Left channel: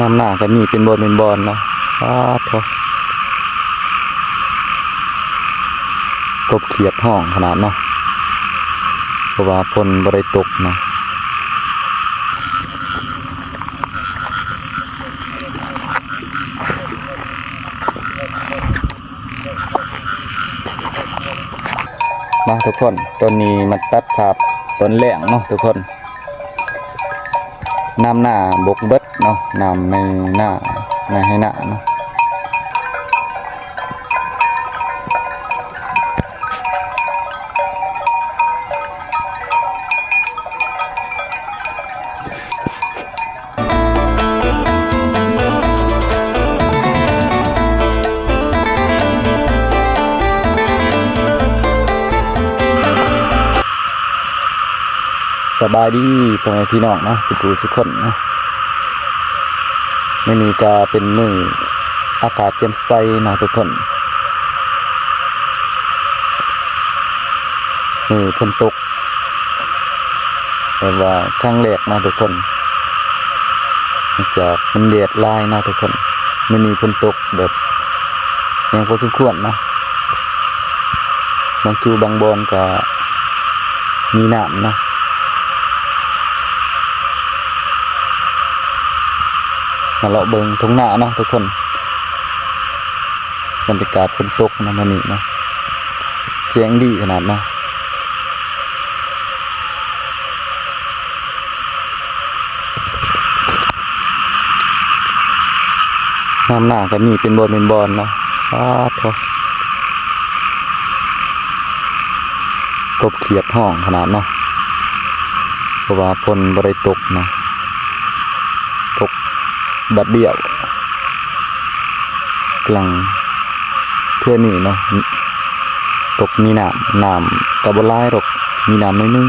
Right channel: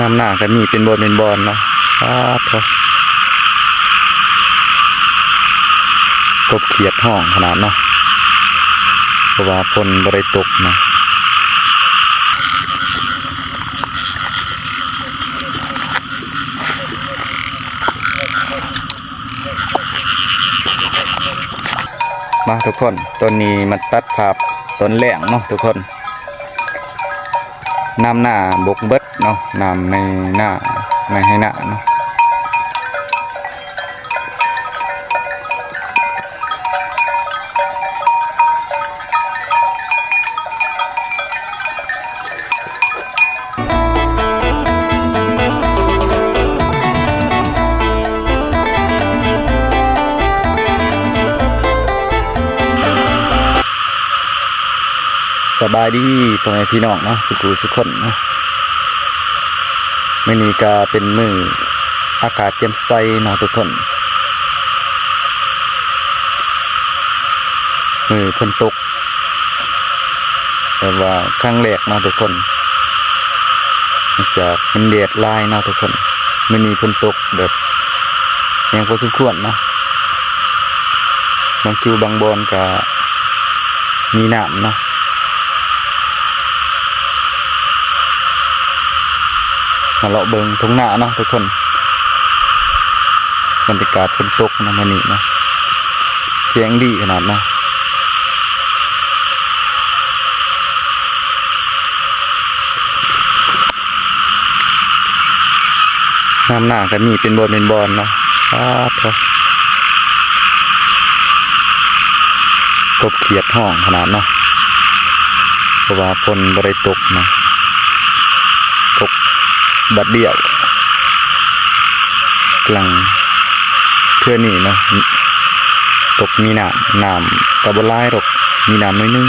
น้ำหนาก็มีเป็นบอลเนาะโถกบเขียดห้องขนาดเนาะเพราะว่าฝนบ่ได้ตกเนาะมาทุกคนต้นนี้มันตัดภาพต้นแหลงเนาะทุกคนน้ำหน้าบกเบิดเนาะน้ำในหน้าไม่ให้หน้าเนาะสบายดีพ่อแม่พี่น้องเนาะสุขคนเนาะมื้อนี้ก็เป็นมื้ออากาศแจ่มใสเนาะทุกคนมื้อฝนตกแต่ว่าครั้งแรกเนาะทุกคนจากมันแดดลายเนาะทุกคนมื้อนี้ฝนตกแบบแรงพอสมควรเนาะบางคิวบางบอนก็มีน้ำเนาะมาเลาะเบิงทุ่งนาเนาะทุกคนบรรยากาศฝนตกนะมันนี่เนาะเสียงดีขนาดเนาะน้ำหนาก็มีเป็นบอลเนาะโถกบเขียดห้องขนาดเนาะเพราะว่าฝนบ่ได้ตกเนาะตกบัดเดียวกลางเพื่อนี่เนาะตกมีน้ำกระบลายหรอกมีน้ำน้อยนึง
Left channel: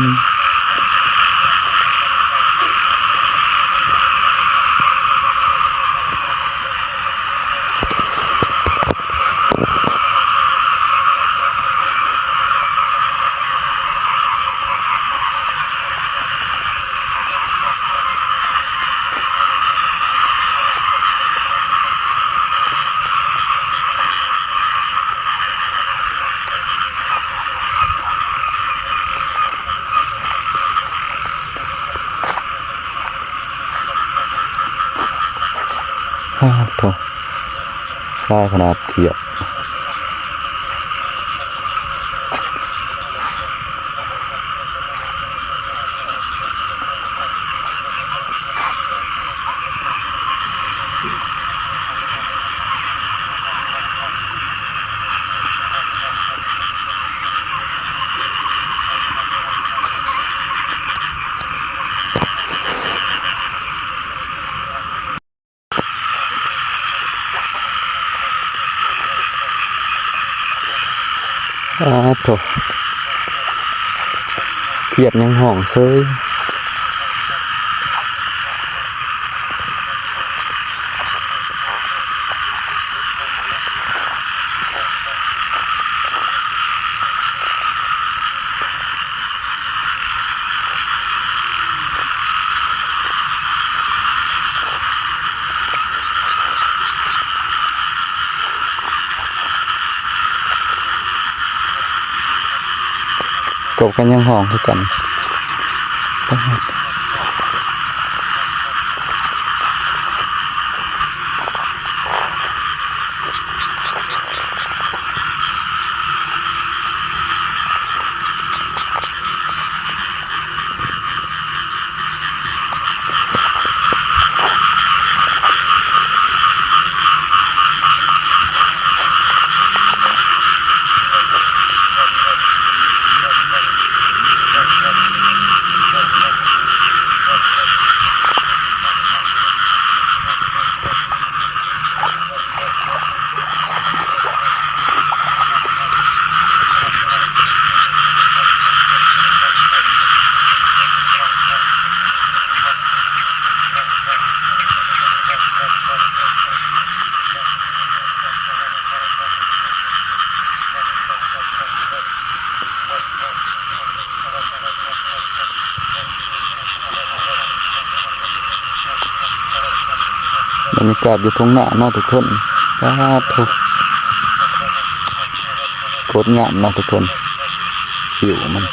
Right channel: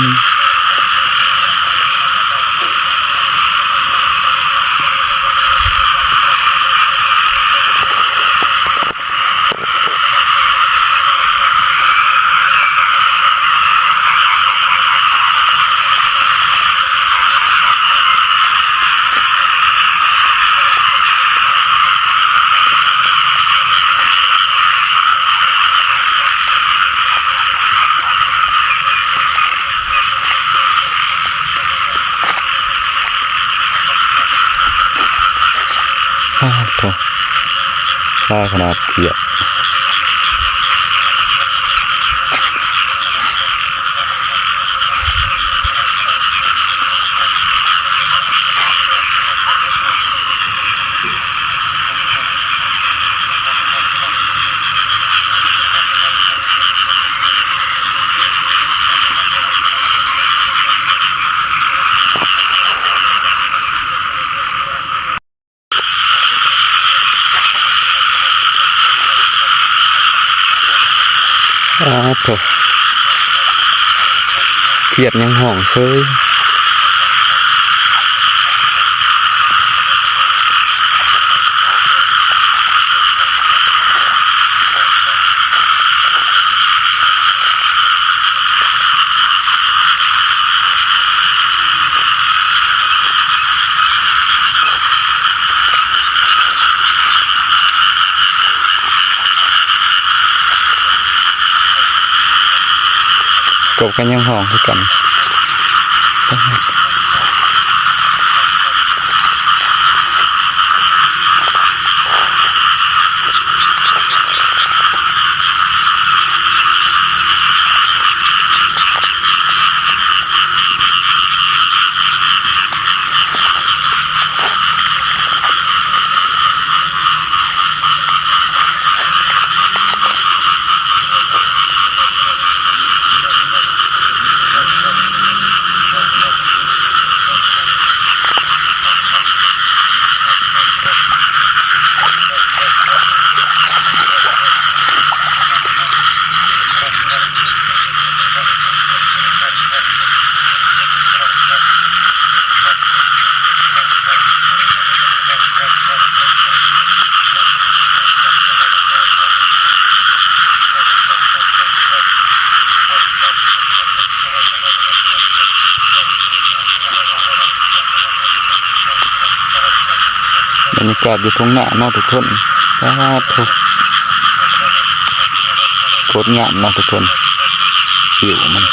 โถลายขนาดเขียดโถเขียดยังห้องเซยกบกันยังห้องคือกัน บรรยากาศอยู่ตรงหน้าเนาะทุกคนทุกโคตรงามเนาะทุกคนผิวมัน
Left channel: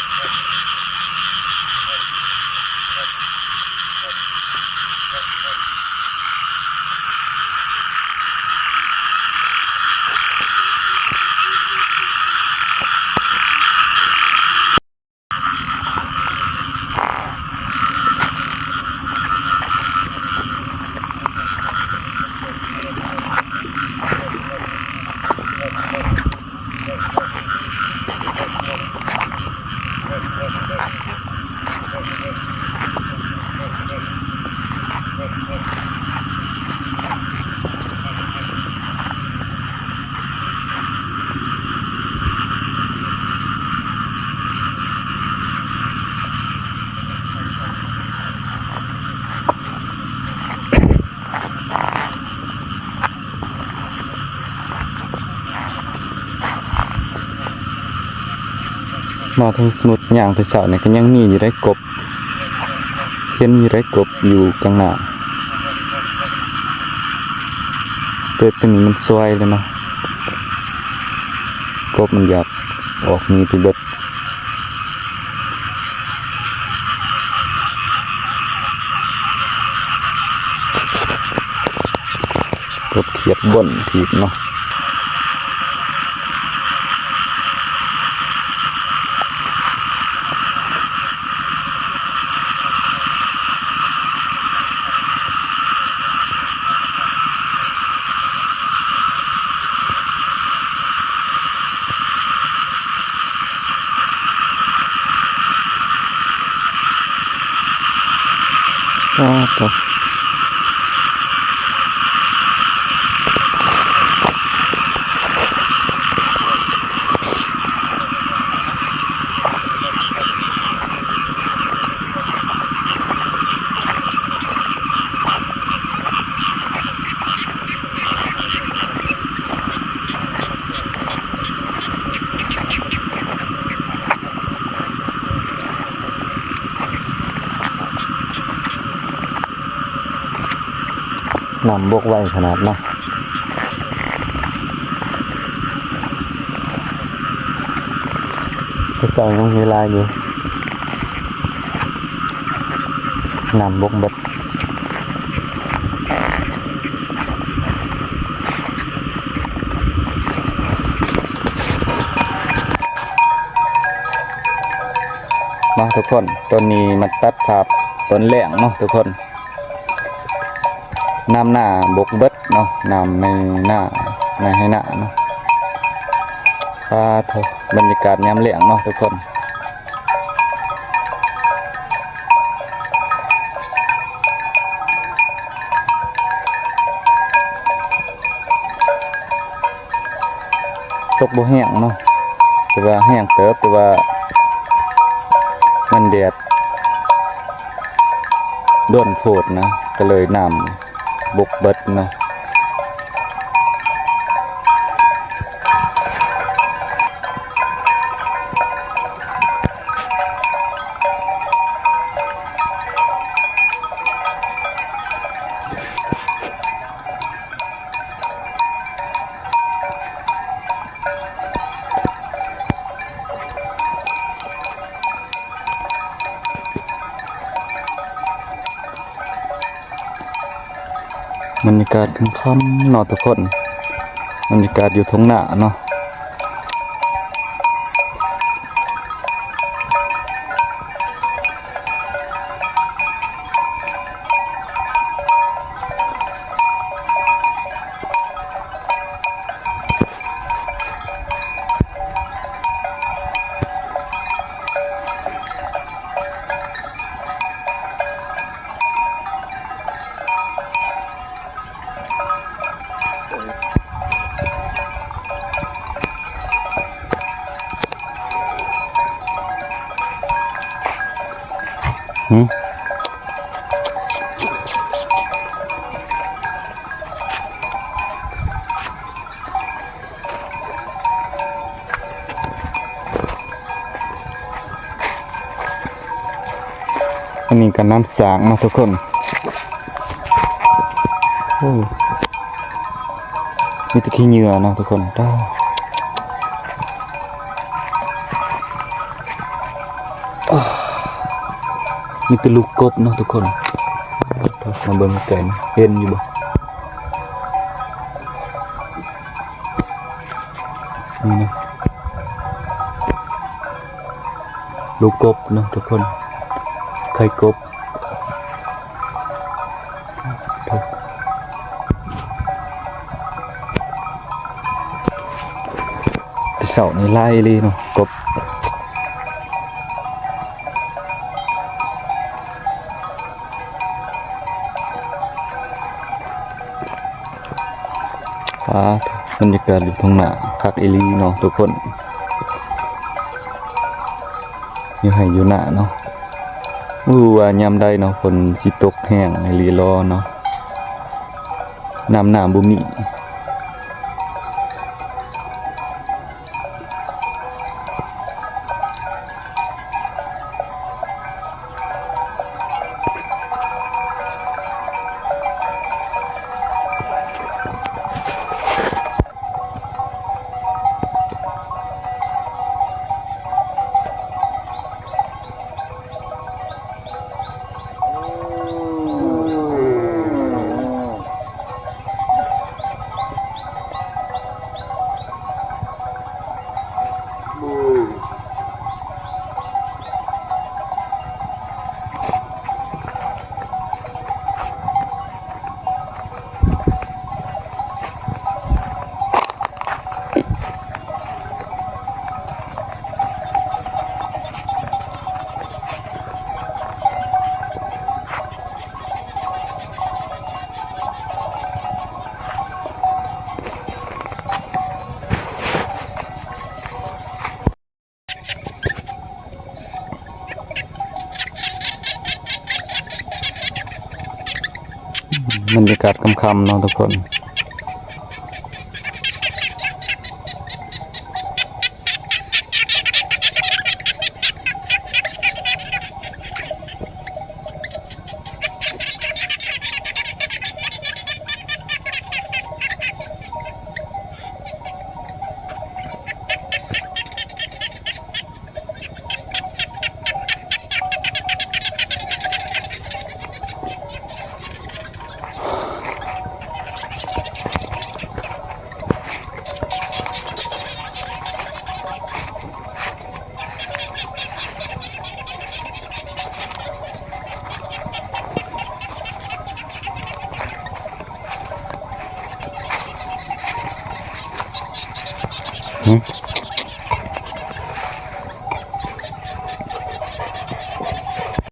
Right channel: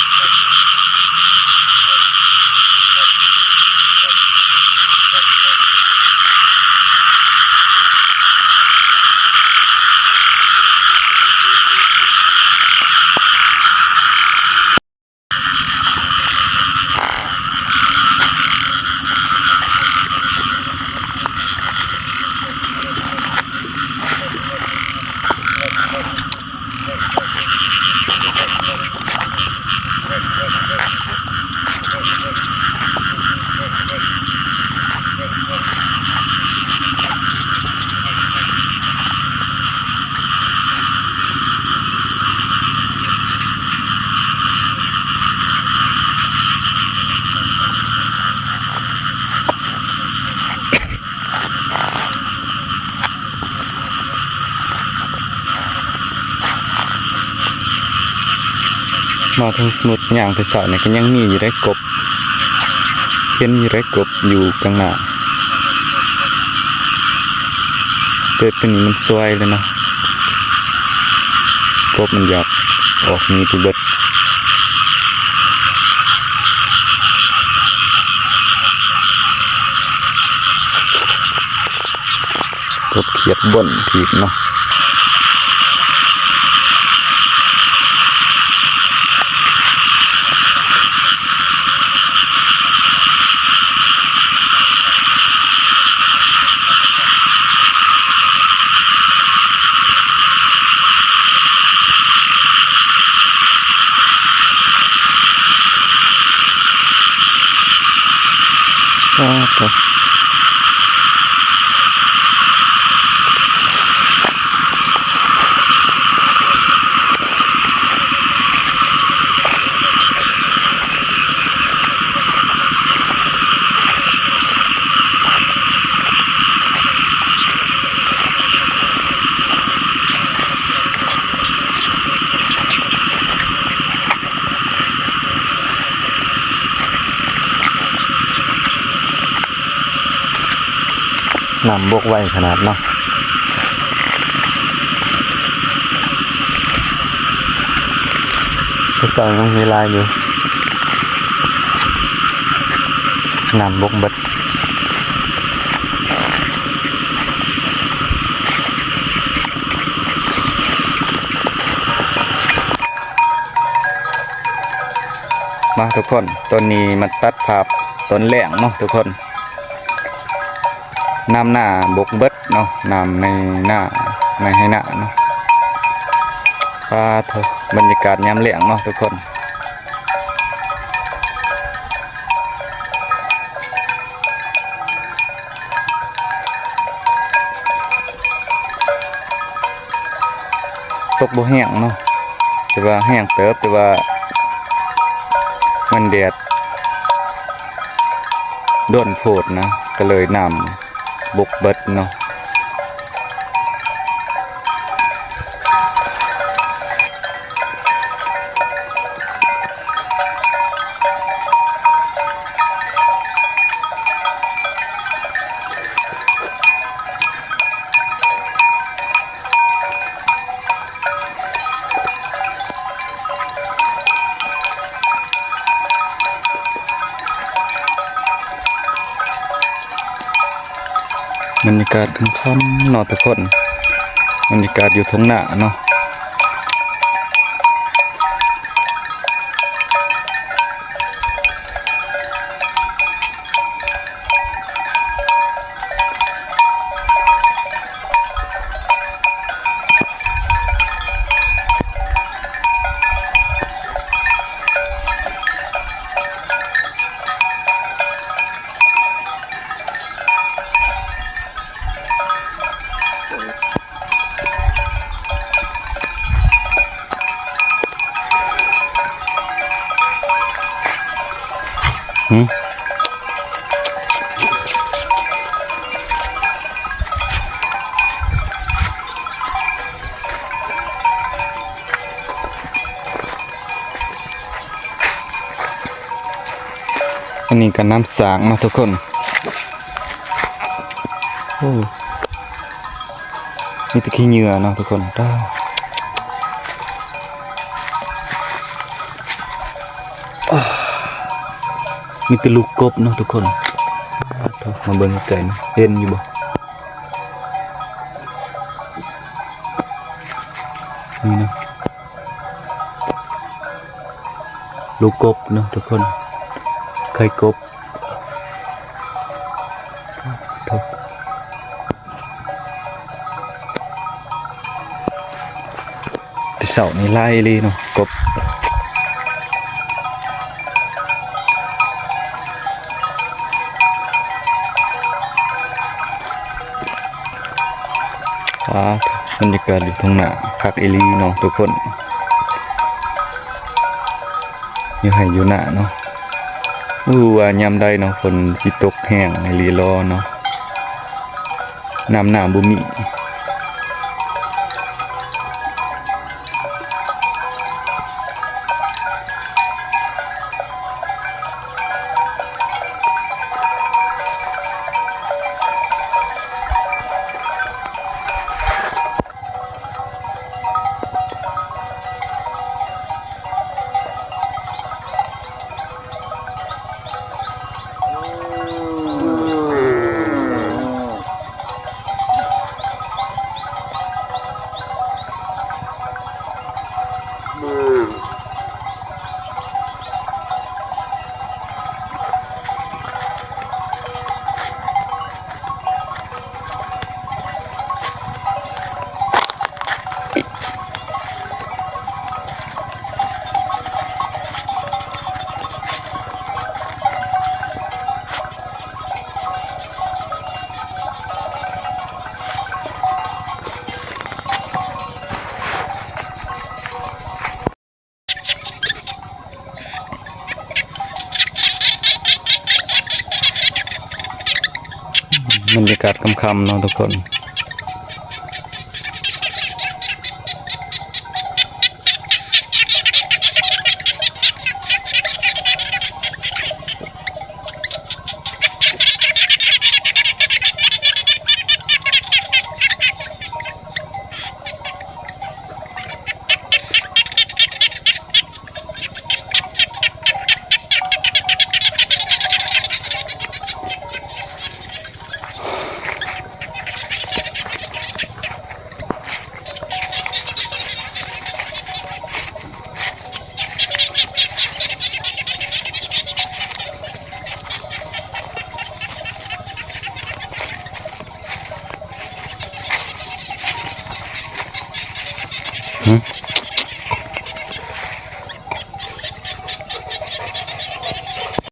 มาทางสมุดอย่างที่สาวเนี่ยก็ยังมีอยู่ได้กบเห็นอยู่ได้กบอยู่กลางหน้าเติดตัวนี้มันสวยเลยเนาะกบมันอยากออกมีที่เบิดกบเขียดบ่นถีบเนาะครับนำบกไว้ขนาดเนาะก็ใส่ยังมีลายอยู่นำบกเบิดมาทุกคนต้นนี้มันตัดภาพต้นแหลงเนาะทุกคนน้ำหน้าบกเบิดเนาะน้ำในหน้าไม่ให้หน้าเนาะบรรยากาศยามแล้งเนาะทุกคนตกบ่แห้งเนาะแต่ว่าแห้งเติบแต่ว่ามันแดดด้วนโพดนะก็เลยน้ำบกเบิดเนาะบรรยากาศค่ำๆเนาะทุกคนบรรยากาศอยู่ท้องหน้าเนาะอันนี้ก็น้ำสางนะทุกคนโอ้ อ้มีแตะขี้เหงื่อเนาะทุกคนต้ามีแต่ลูกกบเนาะทุกคนมาเบิ่งไก่นะเห็นอยู่บ่นี่นะลูกกบเนาะทุกคนไข่กบแต่เสาในไล่เลยเนาะกบบรรยากาศอยู่ตรงหน้าคักเอลีเนาะทุกคนอยู่ให้อยู่หน้าเนาะว่ายามใดเนาะฝนสิตกแห้งในลีรอเนาะน้ำหน้าบ่มีบรรยากาศค่ำๆเนาะทุกคน